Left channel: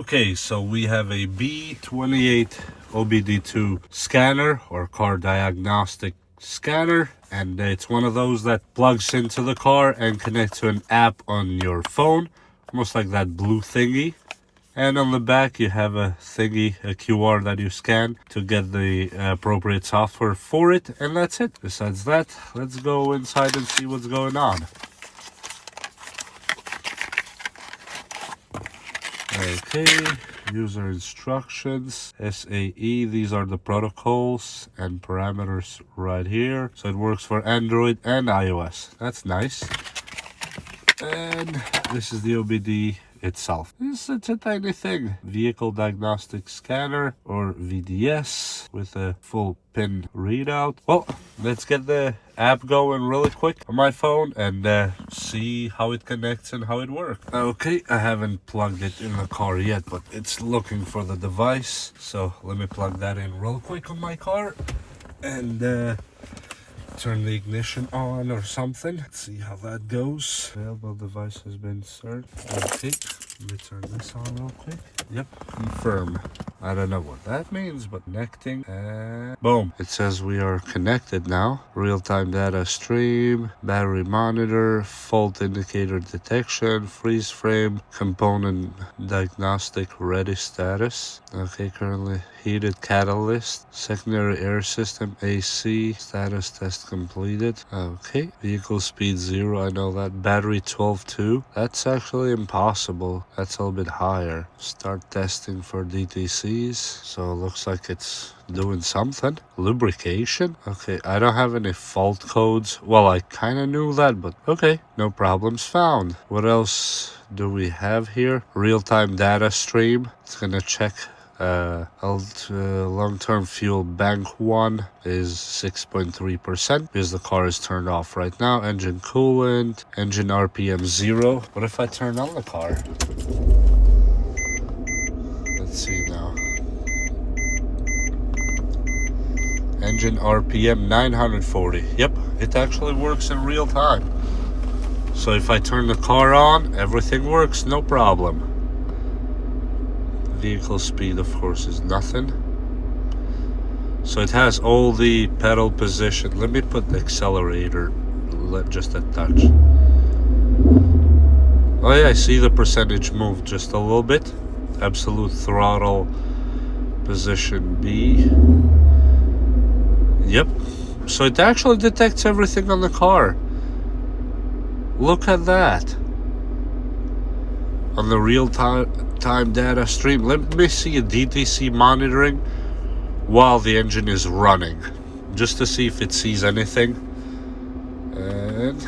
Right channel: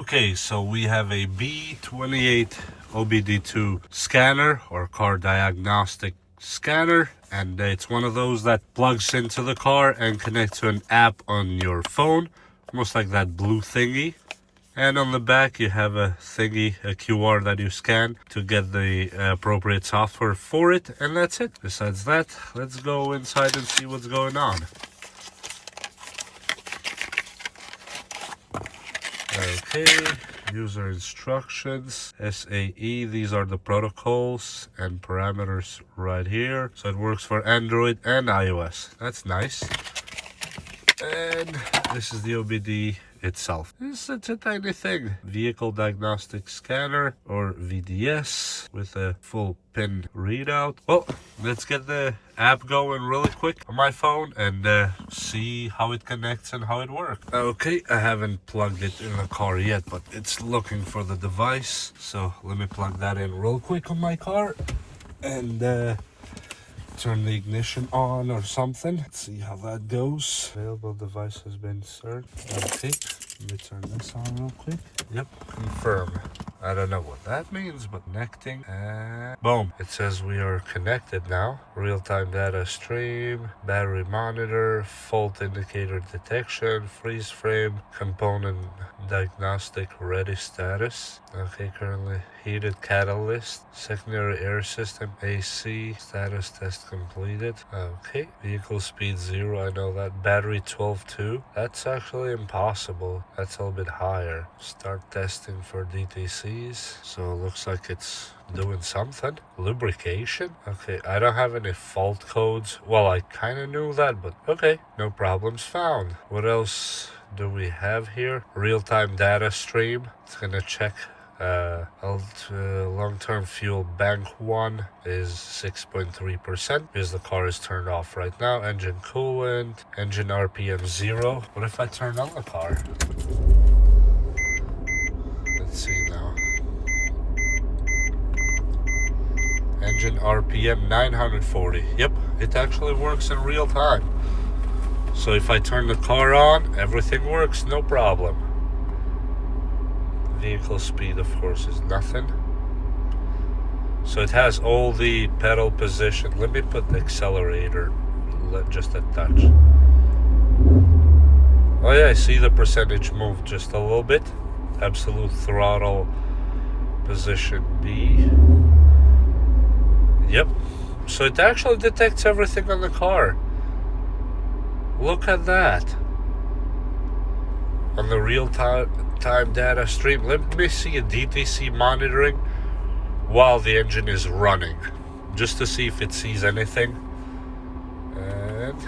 Okay, so we have a FX28 OBD2 scanner or car diagnostic scanner, and it's one of those that plugs into the car and connects to an app on your phone, almost like that blue thingy. And on the back you have a thingy, a QR that you scan to get the appropriate software for it, and that's it. Besides that, let's go inside and see what's going on. Okay, user instructions, SAE, these are the protocols and parameters right here. So it works for Android and iOS. That's nice. And this is the OBD itself. It's a tiny thing. Vehicle Diagnostic Scanner, or VDS, with a full pin readout. Well, let's get the app going really quick on my phone and see how it connects and how it works. Okay, I haven't plugged it in the car yet, but it's looking for the device. So let me plug that in real quick on my car and turn the ignition on or something. Let's see how that goes. Available device has been inserted. Okay, let me turn this on real quick. Yep, confirm. I don't know what that means, but connecting. Boom. It says we are connected now. Real-time data stream, battery monitor, fault indicator detection, freeze frame, component diagnostic ready status. Okay, currently heated catalyst, secondary air system, AC, status test completed. Okay, vehicle speed 0, I know that. Battery 12.2, that's actually impossible. That's a little bit higher. Start testing for DTCs. So it looks like it's doing something. Lubrication. Okay, I don't have any fault codes. Well, I kind of knew that, but okay, no problems found. What else do we have here? Real-time data stream. It's gonna check long-term fuel bank 1 is 6.3% because the car is turned off right now. Engine coolant, engine RPM 0. What if I turn on the car? Let's see now. Engine RPM 940. Yep, it actually works in real time. So if I turn the car on, everything works, no problem. Vehicle speed, of course, is nothing. So it has all the pedal position. Let me put the accelerator just a touch. Oh yeah, I see the percentage move just a little bit. Absolute throttle position B. Yep. So it actually detects everything on the car. Look at that. On the real-time data stream. Let me see a DTC monitoring while the engine is running, just to see if it sees anything. And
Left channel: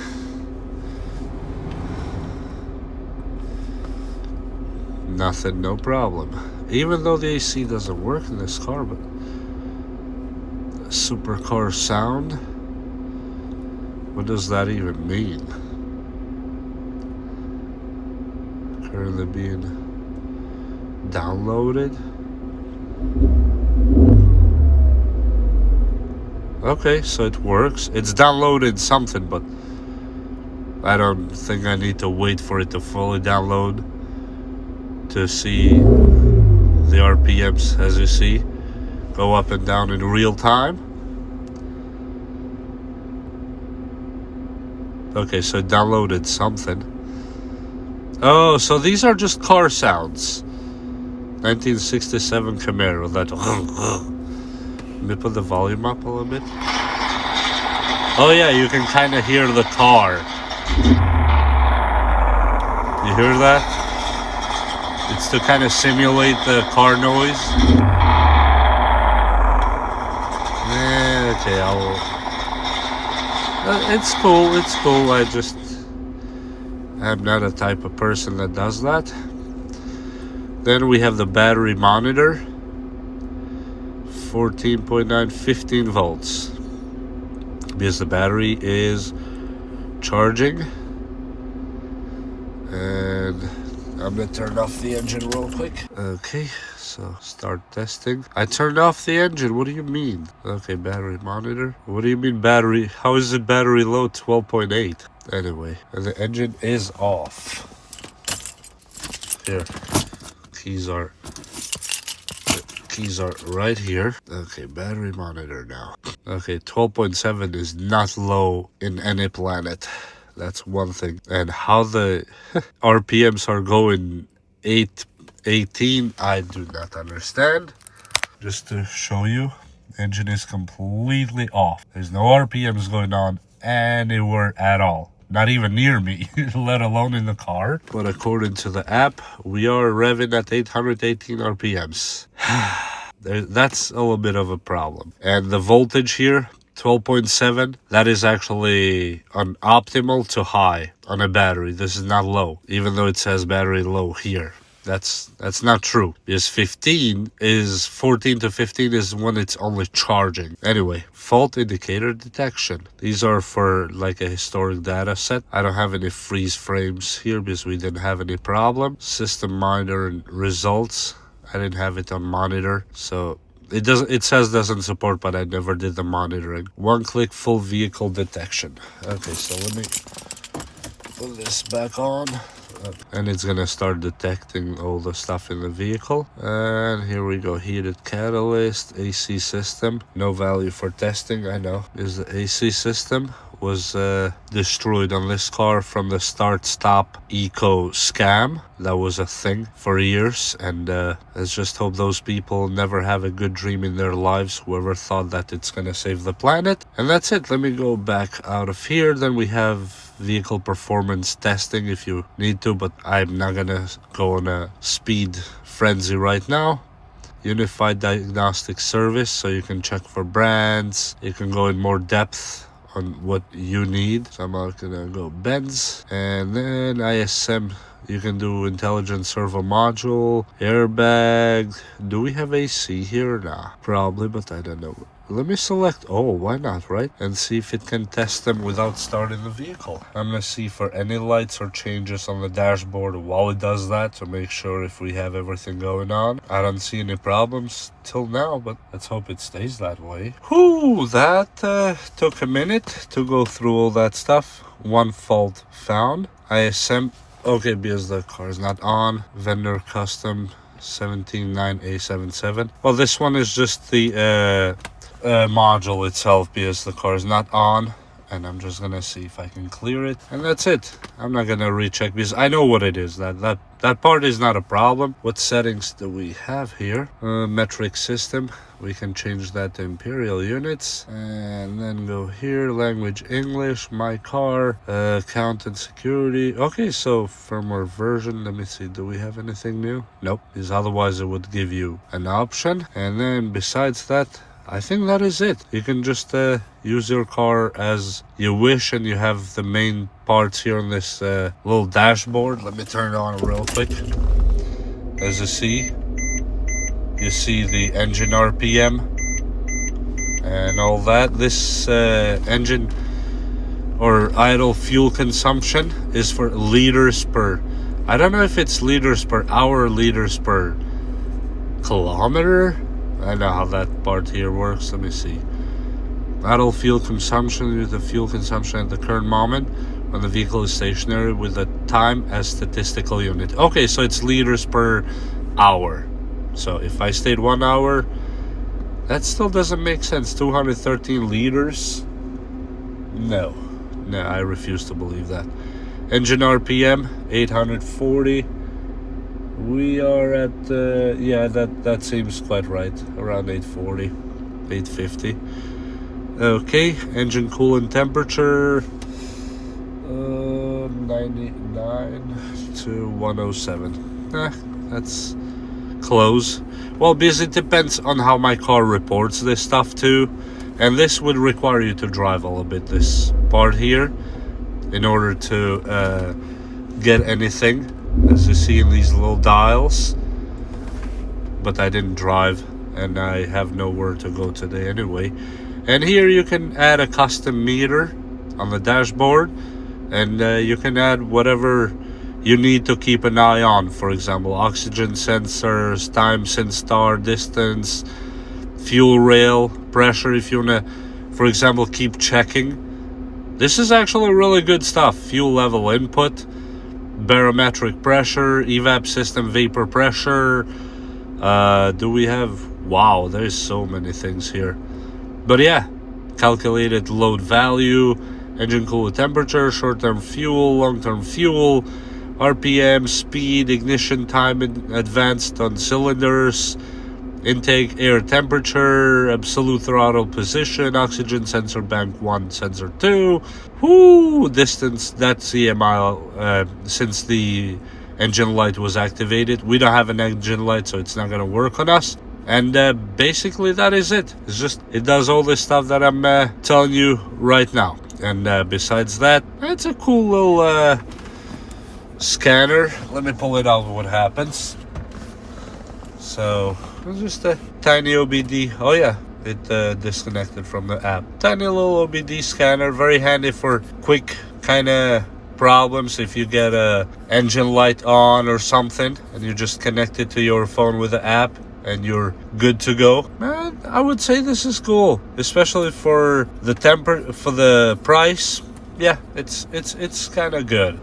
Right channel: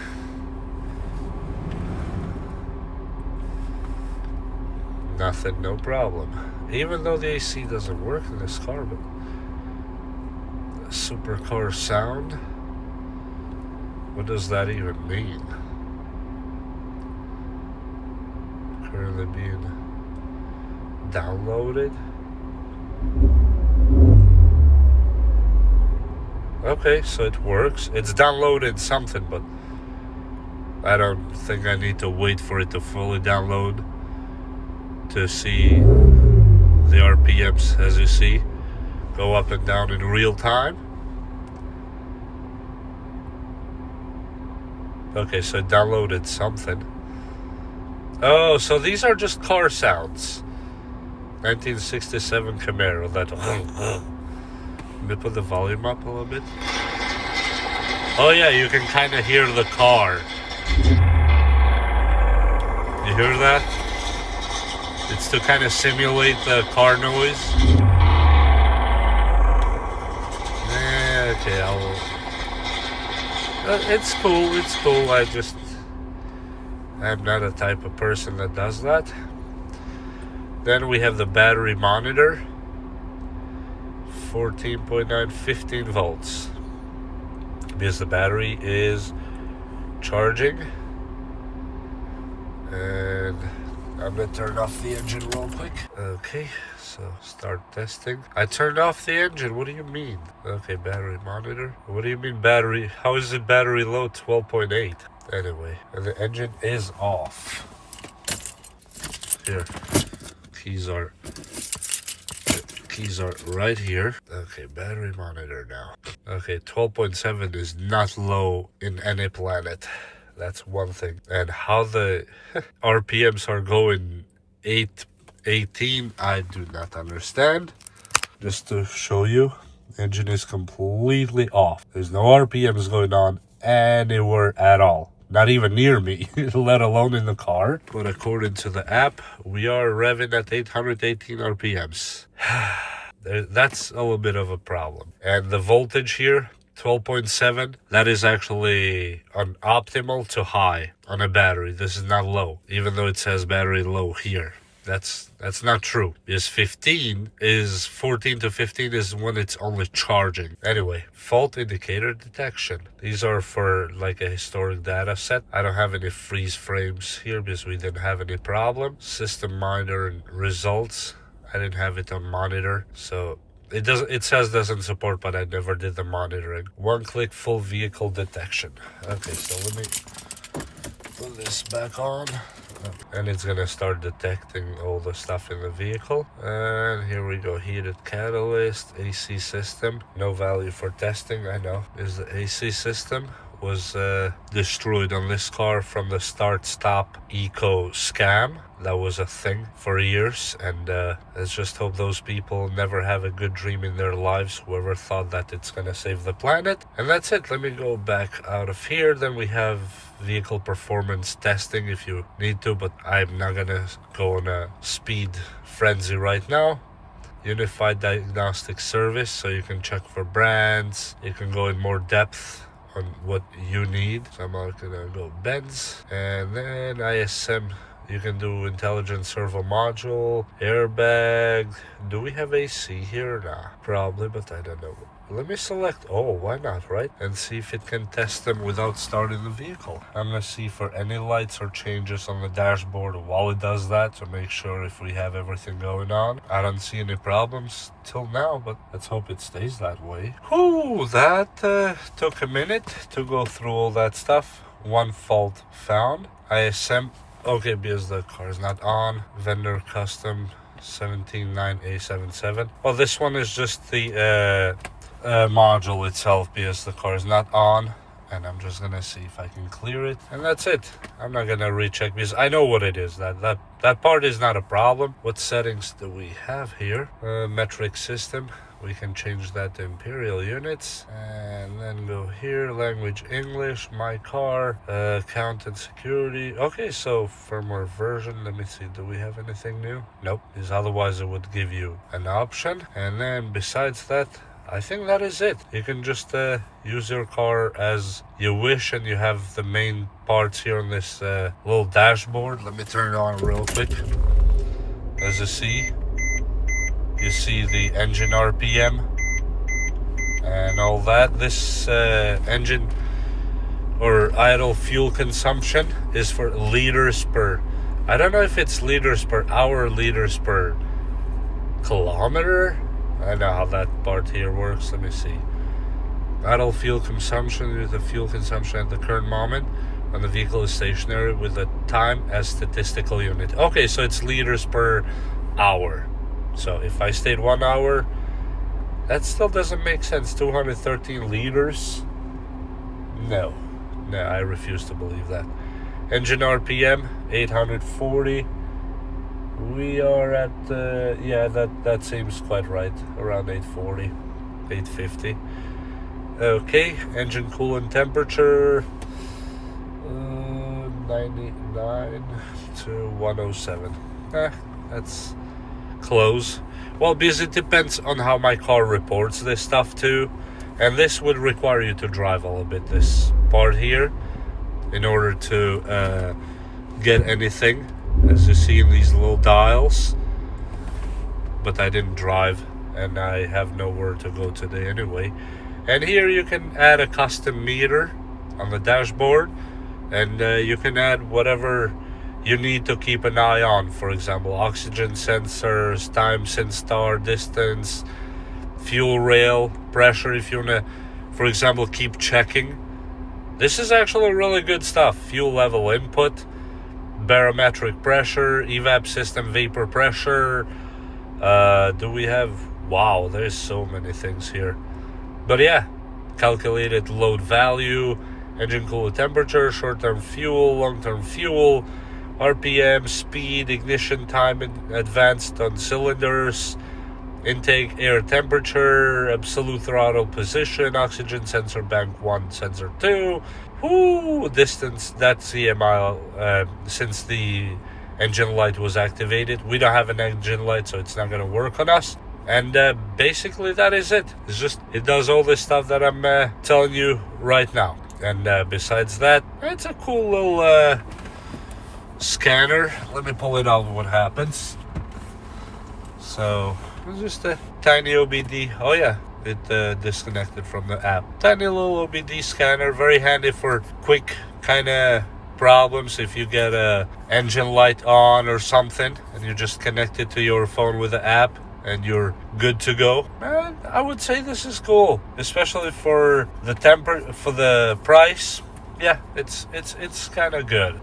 nothing, no problem. Even though the AC doesn't work in this car, but supercar sound, what does that even mean? Currently being downloaded. Okay, so it works. It's downloaded something, but I don't think I need to wait for it to fully download to see the RPMs, as you see, go up and down in real time. Okay, so it downloaded something. Oh, so these are just car sounds. 1967 Camaro. That. Let me put the volume up a little bit. Oh yeah, you can kind of hear the car. You hear that? It's to kind of simulate the car noise. Yeah, okay, it's cool. It's cool. I'm not a type of person that does that. Then we have the battery monitor. 14.9, 15 volts. Because the battery is charging. And I'm gonna turn off the engine real quick. Okay, so start testing. I turned off the engine, what do you mean? Okay, battery monitor. What do you mean battery? How is the battery low? 12.8. Anyway, and the engine is off. Here, keys are right here. Okay, battery monitor now. Okay, 12.7 is not low in any planet. That's one thing. And how the RPMs are going 818, I do not understand. Just to show you, engine is completely off. There's no RPMs going on anywhere at all. Not even near me, let alone in the car. But according to the app, we are revving at 818 RPMs. That's a little bit of a problem. And the voltage here, 12.7, that is actually on optimal to high on a battery. This is not low, even though it says battery low here. That's not true, because 14 to 15 is when it's only charging. Anyway, fault indicator detection. These are for like a historic data set. I don't have any freeze frames here because we didn't have any problem. System monitor and results. I didn't have it on monitor, so it says doesn't support, but I never did the monitoring. One click full vehicle detection. Okay, so let me put this back on. And it's gonna start detecting all the stuff in the vehicle. And here we go, heated catalyst, AC system. No value for testing, I know, because the AC system was destroyed on this car from the start-stop eco scam. That was a thing for years, and let's just hope those people never have a good dream in their lives, whoever thought that it's gonna save the planet. And that's it. Let me go back out of here. Then we have vehicle performance testing if you need to, but I'm not gonna go on a speed frenzy right now. Unified diagnostic service, so you can check for brands, you can go in more depth on what you need. So I'm not gonna go Benz, and then ISM. You can do intelligent servo module, airbag. Do we have AC here? Nah, probably, but I don't know. Let me select, oh, why not, right? And see if it can test them without starting the vehicle. I'm gonna see for any lights or changes on the dashboard while it does that, to make sure if we have everything going on. I don't see any problems till now, but let's hope it stays that way. Whew, that took a minute to go through all that stuff. One fault found. ISM, okay, because the car is not on. Vendor custom 179A77. Well, this one is just the module itself, because the car is not on, and I'm just gonna see if I can clear it, and that's it. I'm not gonna recheck because I know what it is. That part is not a problem. What settings do we have here? Metric system, we can change that to imperial units, and then go here, language English, my car, count and security. Okay, so firmware version, let me see, do we have anything new? Nope, because otherwise it would give you an option. And then besides that, I think that is it. You can just use your car as you wish, and you have the main parts here on this little dashboard. Let me turn it on real quick. As you see the engine RPM and all that. This engine or idle fuel consumption is for liters per, I don't know if it's liters per hour, liters per kilometer. I know how that part here works. Let me see. Idle fuel consumption is the fuel consumption at the current moment when the vehicle is stationary with the time as statistical unit. Okay, so it's liters per hour. So if I stayed 1 hour, that still doesn't make sense. 213 liters? No, I refuse to believe that. Engine RPM 840. We are at yeah, that seems quite right, around 840, 850. Okay, engine coolant temperature 99 to 107. That's close. Well, because it depends on how my car reports this stuff too, and this would require you to drive a little bit this part here in order to get anything, as you see in these little dials. But I didn't drive, and I have nowhere to go today anyway. And here you can add a custom meter on the dashboard, and you can add whatever you need to keep an eye on. For example, oxygen sensors, time since start, distance, fuel rail, pressure, if you wanna, for example, keep checking. This is actually really good stuff. Fuel level input, barometric pressure, evap system vapor pressure. Do we have, wow, there's so many things here. But yeah, calculated load value, engine coolant temperature, short-term fuel, long-term fuel, RPM, speed, ignition time, advanced on cylinders, intake air temperature, absolute throttle position, oxygen sensor bank 1, sensor 2, distance, that's EMI since the engine light was activated. We don't have an engine light, so it's not going to work on us. And basically that is it. It's just, it does all this stuff that I'm telling you right now. And besides that, it's a cool little scanner. Let me pull it out, what happens. So it's just a tiny OBD. Oh yeah, it disconnected from the app. Tiny little OBD scanner, very handy for quick kind of problems. If you get a engine light on or something and you just connect it to your phone with the app and you're good to go. Man, I would say this is cool, especially for the price. Yeah, it's kind of good.